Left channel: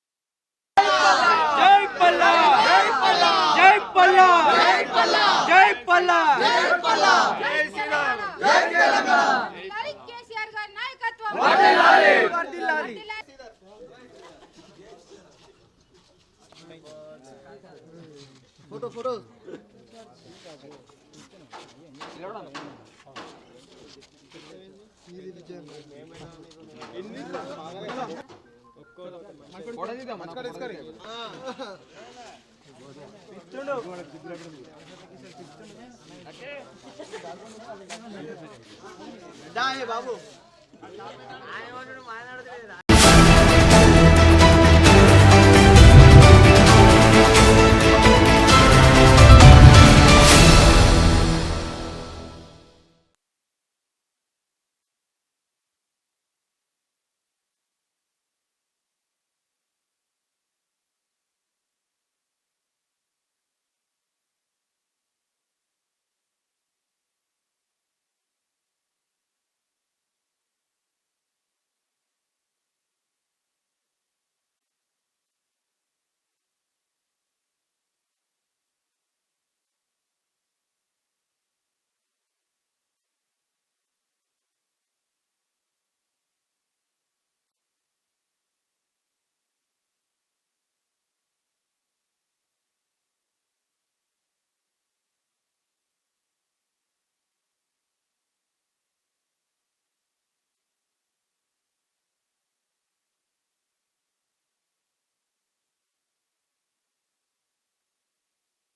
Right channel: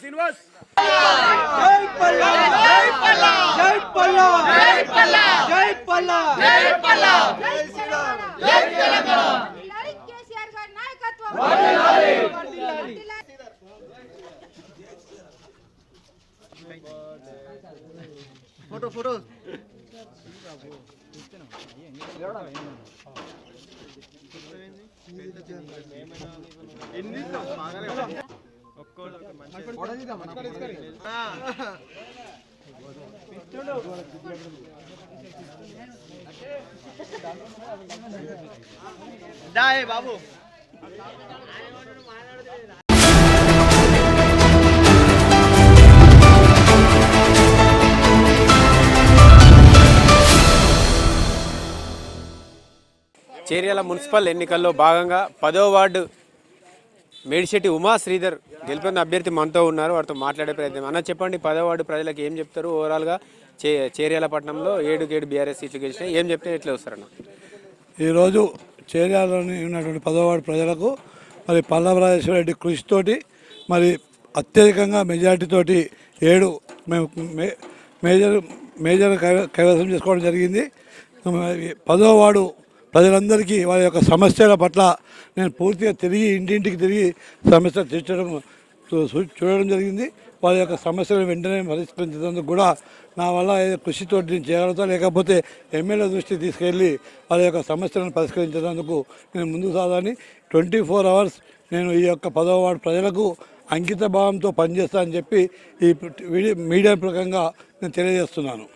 శ్రీనివాస్ జై పల్లా జై పల్లా జై పల్లా జై పల్లా జై పల్లా జై పల్లా జై శ్రీరామ్ జై తెలంగాణ కేసీఆర్ గారి నాయకత్వం వర్ధిల్లాలి వర్ధిల్లాలి ఫోటో బాబు చేర్యాల మున్సిపల్ ఎన్నికల్లో భాగంగా 10వ వార్డు మేడిశెట్టి ఉమా శ్రీధర్ గెలుపొందిన అభ్యర్థి మనతో ఉన్నారు. వారితో మాట్లాడే ప్రయత్నం. అన్న చెప్పండి, 10వ వార్డు ప్రజలకు ఏం చెప్తారు? ఓవరాల్గా చేర్యాల పట్టణంలో 7 బీఆర్ఎస్ సీట్లు గెలిచినాయి, ఏం చెప్తే ఎట్లా వస్తారన్న? ఈరోజు చేర్యాలలోని ఉన్నటువంటి 10వ వార్డు ప్రజలకు మరి పల్లవరాజేశ్వర రెడ్డి కృషితోటి మరి అత్యధికంగా మెజార్టీతోటి 7 మేము మేజర్ కైవసం చేసుకోవడం జరిగింది. 10వ వార్డు ప్రజలందరికీ వారి యొక్క సమస్యల పట్ల నేను పూర్తిగా తిరిగి ఇంటింటికి తిరిగి సమస్యలు చూడడం జరిగింది. వారి యొక్క సమస్యలను వెంటనే పరిష్కరించేందుకు కూడా నా వల్ల కృషితో నేను చేయగలుగుతా, లేకపోతే ఎమ్మెల్యే దృష్టికి తీసుకెళ్ళి వారి యొక్క సమస్యలను పరిష్కరించేందుకు నేను ముందుకు సాగాలని 24 hours నేను ఈ యొక్క 10వ వార్డు ప్రజలకు అంకిత భావంతో పనిచేస్తా అని చెప్పి ఈ మీడియా ప్రకంగా నేను తెలియజేస్తున్నాను.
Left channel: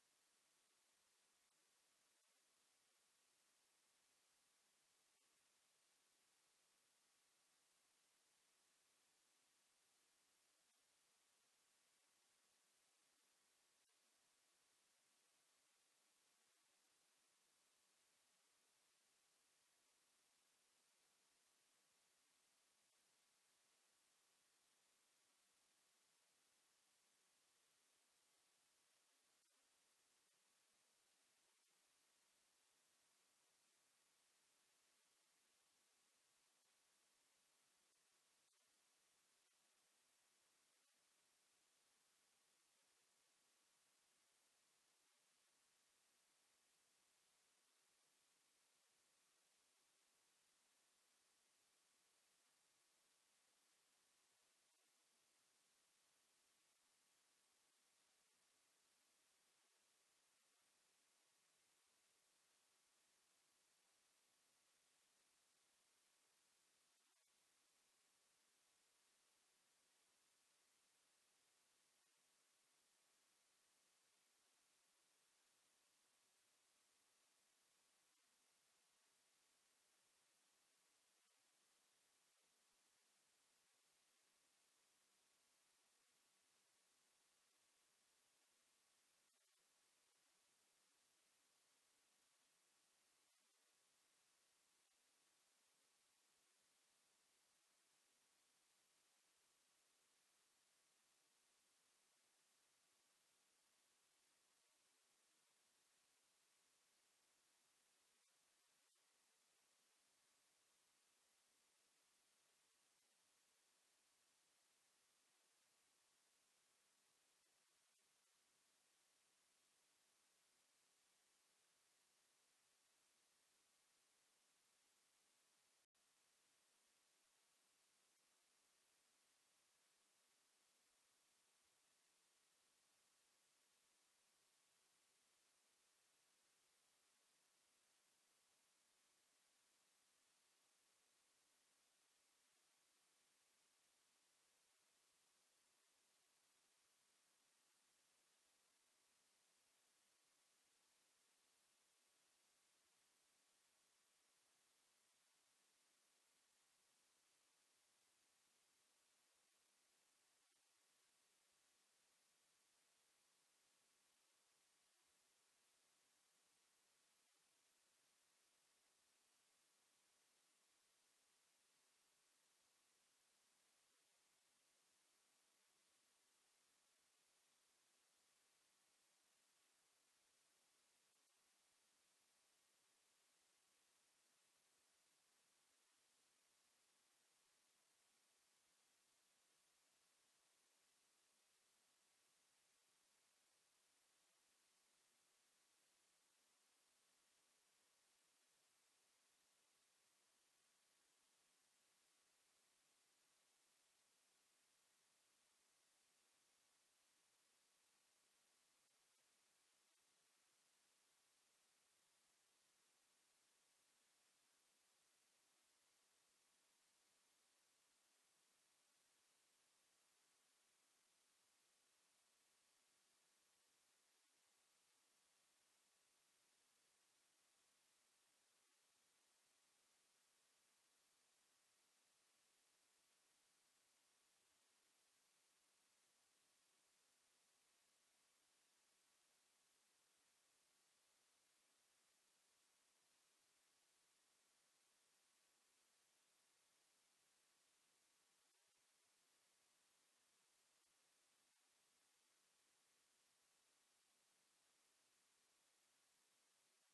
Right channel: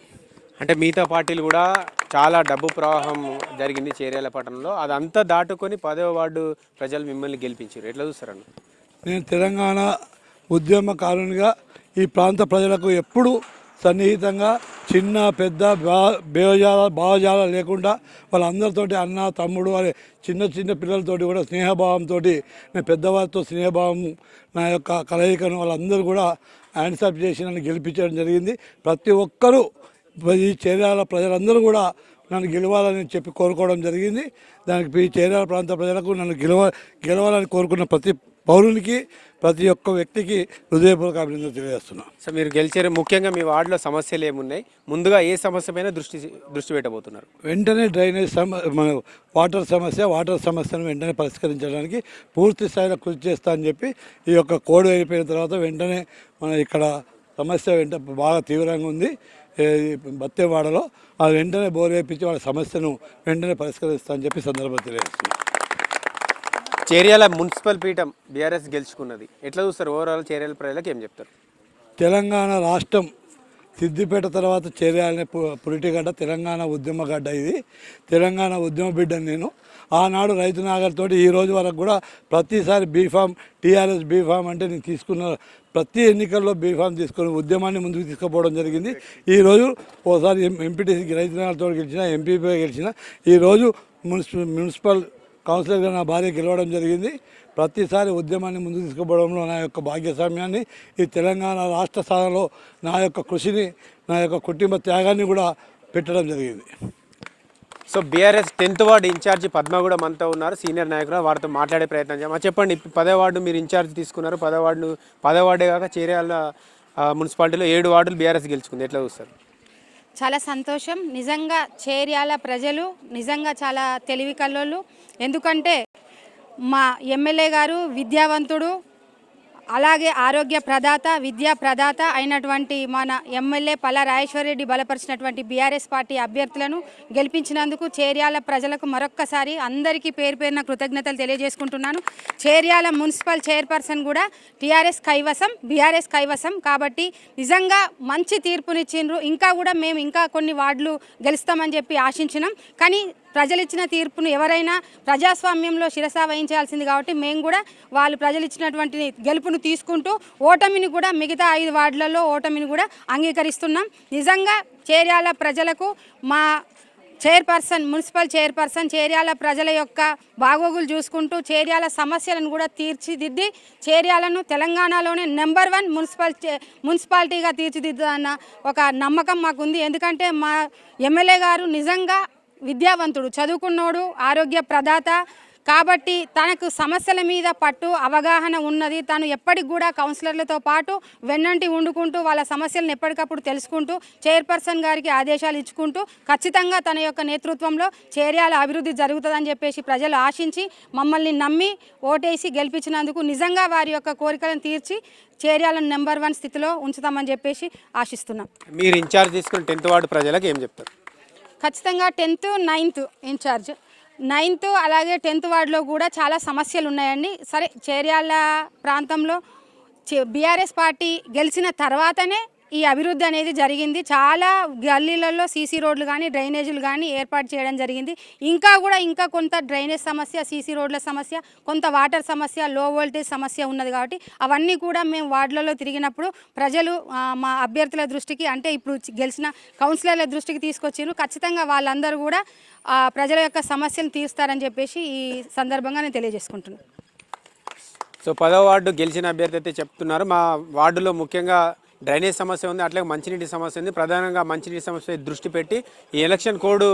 అంటే మిగతా పార్టీలు కూడా చాలా డబ్బు ప్రవాహం జరిగింది చేర్యాల పట్టణంలో, అదంతా దాటుకొని 10వ వార్డు ప్రజలు మిమ్మల్ని గెలిపించారు, ఎట్లా చూస్తారన్న? నేను తెలంగాణ ఉద్యమకారునిగా ఈ ప్రాంత ప్రజలకు ఎప్పుడూ సన్నిహితంగా చిన్న పెద్ద భావజాల లేకుండా వాళ్ళందరితోటి అన్న తమ్ముడు అనే చిన్న పిల్లలతోటి కూడా స్నేహభావంతో నేను పెద్దవారితో స్నేహభావం నా యొక్క కలయికను వాళ్ళందరూ కూడా యాన్సప్ చేసి నన్ను గెలిపించడం జరిగింది. ప్రతి ఒక్కరూ ఈ చేర్యాల ప్రజలందరూ కూడా నన్ను గెలవాలని చెప్పి కోరుకోవడం జరిగింది. దానికి ఈ చేర్యాల ప్రాంత ప్రజలకు నన్ను గెలవాలని కోరుకున్న ప్రతి పౌరునికి ప్రతి ఒక్క వ్యక్తికి హృదయపూర్వక అభినందనలు తెలియజేస్తున్నాను. సో మీరు గెలిచారు, ముఖ్యంగా మీ వార్డులో సమస్యలు ఏమున్నాయి, ముందుగా ఏ సమస్య పైన దృష్టి పెట్టబోతున్నారు? వెంటనే డ్రైనేజ్ మన వాటర్ సమస్యను వెంటనే పరిష్కరించడానికి పూర్తి స్థాయిలో కృషి చేస్తా అని చెప్పి ఈ యొక్క కోడ్ అయిపోయిన తర్వాత వెంటనే మన ఇక్కడ సమస్య బాగా తీవ్రంగా ఉంది బత్తేవాడలో, అది వెంటనే బోర్ వేయించి వాళ్ళ సమస్యను వెంటనే పరిష్కరిస్తా అని చెప్పి సందర్భంగా తెలియజేస్తున్నాను. చేర్యాల మున్సిపల్ పీఠం బీఆర్ఎస్ గెలుచుకున్నది, ఎట్లా చూస్తారు? ఓవరాల్ చేర్యాల ప్రజలకు ఏం చెప్తారు? తెలంగాణ రాష్ట్రం సిద్దిపేట తర్వాత చేర్యాలనే పురిటిగడ్డ, తెలంగాణ ఉద్యమగడ్డ. ఇది తెలంగాణ ఉద్యమ బిడ్డను నేను. ఆనాడు రైతు నాగర్తో ఈ రోజు వరకు కూడా ప్రతిసారి బీఫామ్ టీఆర్ఎస్ బీఫామ్ అంటే నేను తీసుకున్న ప్రతి ఎన్నికల్లో బీఫామ్ తీసుకొని ఉద్యమాన్ని ముందుకు తీసుకుపోవడం జరిగింది. ఈరోజు ఓసారి ఎంపీటీసీకి రైతు నాగర్తో గెలిచిన, ఎంపీపీ గెలిచిన, ఈరోజు మున్సిపల్ కౌన్సిలర్గా నా భార్య గెలవడం జరిగింది. ప్రతిసారి ఉద్యమాన్ని ముందుకు తీసుకుపోవడంలో నా యొక్క భాగ్యస్వామ్యాన్ని, ఈ తెలంగాణ రాష్ట్ర సాధనలో నా యొక్క కృషిని, నా యొక్క కుటుంబ త్యాగాన్ని కూడా పెట్టడం జరిగింది. So BRS 10th ward incharge Padma కూడా మనతో ఉన్నారు, సీనియర్ నాయకులు. వారితో మాట్లాడే ప్రయత్నం చేద్దాం. చెప్పండి, 10వ వార్డు మీరు ఇన్ఛార్జ్ తీసుకున్నారు. 10వ వార్డే కాక చేర్యాల మున్సిపాలిటీలో 7 వార్డులు బీఆర్ఎస్ గెలుచుకుంది, ఎట్లా చూస్తారు? చాలా సంతోషం. నిజంగా చేర్యాల ప్రజలు నిజంగా చాలా తెలివి కల్లోళ్ళు. ఎందుకంటే మా ఎమ్మెల్యే గారు విద్యావంతుడు, అలాగే ఆరోగ్య ప్రదాత, విద్యా ప్రదాత అయినటువంటి మన ఎమ్మెల్యే పల్లా రాజేశ్వర రెడ్డి బలపరిచినటువంటి బీఆర్ఎస్ పార్టీ అభ్యర్థులను గెలిపించినందుకు చేర్యాల ప్రజలకు మరొక్కసారి అందరికీ పేరున కృతజ్ఞతలు తెలియజేసుకుంటున్నాను. చేర్యాల మున్సిపల్ చైర్పర్సన్ కూడా టీఆర్ఎస్ కైవసం, బీఆర్ఎస్ కైవసం. కాబట్టి నిజంగా మంచి తీర్పునిచ్చిండ్రు. ఇంకా కూడా మేము ఇంకా కొన్ని వార్డులు గెలుస్తామని చెప్పి ఆశించినాం. కానీ ప్రజలు ఇచ్చిన తీర్పును ఎవరైనా ప్రజాస్వామ్యంలో శిరస వహించాల్సింది. కాబట్టి మేము కూడా వాళ్ళు ప్రజలు ఇచ్చినటువంటి గెలుపును తీసుకుంటూ ఓటమిని కూడా మిగతా 5 వార్డులలో ఓటమిని కూడా అంగీకరిస్తున్నాం. నిజంగా చేర్యాల ప్రజలకు మా మున్సిపల్ చైర్పర్సన్ చేర్యాల ప్రజల యొక్క బాగోగులు చూసుకుంటూ చేర్యాల సమస్యలను కూడా తీర్చిదిద్ది చేర్యాలను తెలంగాణలోనే నెంబర్ 1 మున్సిపాలిటీగా తీర్చిదిద్దన్న ఒక నమ్మకం మాకుంది. ఎందుకంటే మా ఎమ్మెల్యే గారు నిజంగా విద్యావంతుడు, చదువుకున్నోడు, ఆరోగ్య ప్రదాత కాబట్టి తనకు సమస్యల మీద పట్టు అవగాహన ఉన్నది. తను ఎప్పటికి కూడా కౌన్సిలర్లతో పాటు వెన్నంటి ఉండుకుంటూ వాళ్ళ సమస్యలను ఎప్పటికప్పుడు తెలుసుకుంటూ చైర్పర్సన్ గారికి ఆదేశాలు ఇచ్చుకుంటూ ఖచ్చితంగా తన యొక్క నేతృత్వంలో చేర్యాల అభివృద్ధి జరుగుతుందని చెప్పేసి ప్రజలు ఆశించి మమ్మల్ని నమ్మి ఓటేసి గెలిపించినందుకు నిజంగా వారి యొక్క కోరికలను తీర్చి చేర్యాలను నెంబర్ 1 స్థితిలో ఉంచుతామని చెప్పేసి ఆశిస్తున్నాం. మీరు ఇన్ఛార్జ్ తీసుకుని 10th వార్డు ప్రజలకు ఏం చెప్తారు? ఖచ్చితంగా 10th, 9th ఇన్ఛార్జ్ 9th అలాగే 10th వార్డులో కూడా చాలా సమస్యలు ఉన్నాయండి. సరే చేర్యాల ప్రాంతంలో బీఆర్ఎస్ పార్టీ గెలిచిన తర్వాతనే ఈ అభివృద్ధి అనేది జరిగింది. చాలా గల్లీలలో సీసీ రోడ్లు కానీ డ్రైనేజీలు కానీ ఏర్పాటు చేయడం జరిగింది. ఇంకా కొంత డ్రైనేజ్ సమస్య, సీసీ రోడ్ల సమస్య, కొంత వాటర్ సమస్య, లో వోల్టేజ్ సమస్య ఉన్నది. కాబట్టి అవన్నీ కూడా మేము వార్డులలో తిరిగినప్పుడు ప్రజలు మా అభ్యర్థుల దృష్టికి అంటే ఇప్పుడు గెలిచిన కౌన్సిలర్ల దృష్టికి తీసుకొచ్చారు. ఖచ్చితంగా వాళ్ళందరూ కూడా ప్రజల యొక్క సమస్యను తీరుస్తారని చెప్పేసి ఈ సందర్భంగా నేను తెలియజేసుకుంటున్నాను. సో 10వ వార్డు గెలిచిన అభ్యర్థి అయితే చెప్తున్నారు, మా వార్డులో ముఖ్యంగా డ్రైనేజ్ సమస్య ఉంది, అట్లాగే మంచినీటి సమస్య ఉంది. ప్రధానంగా మంచినీటి సమస్య దృష్టి పెట్టి ఈ ఎలక్షన్ కోడ్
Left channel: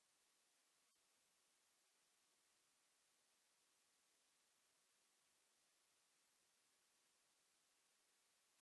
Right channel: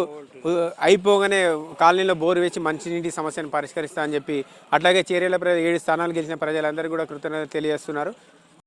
అయిపోగానే కాలనీలో బోరు వేసి మంచినీటి సమస్యను పరిష్కరిస్తా అని చెప్పి అట్లాగే చేర్యాల 7 స్థానాలు గెలిచిన ప్రజలందరూ కూడా కృతజ్ఞతలు తెలియజేస్తున్నారు.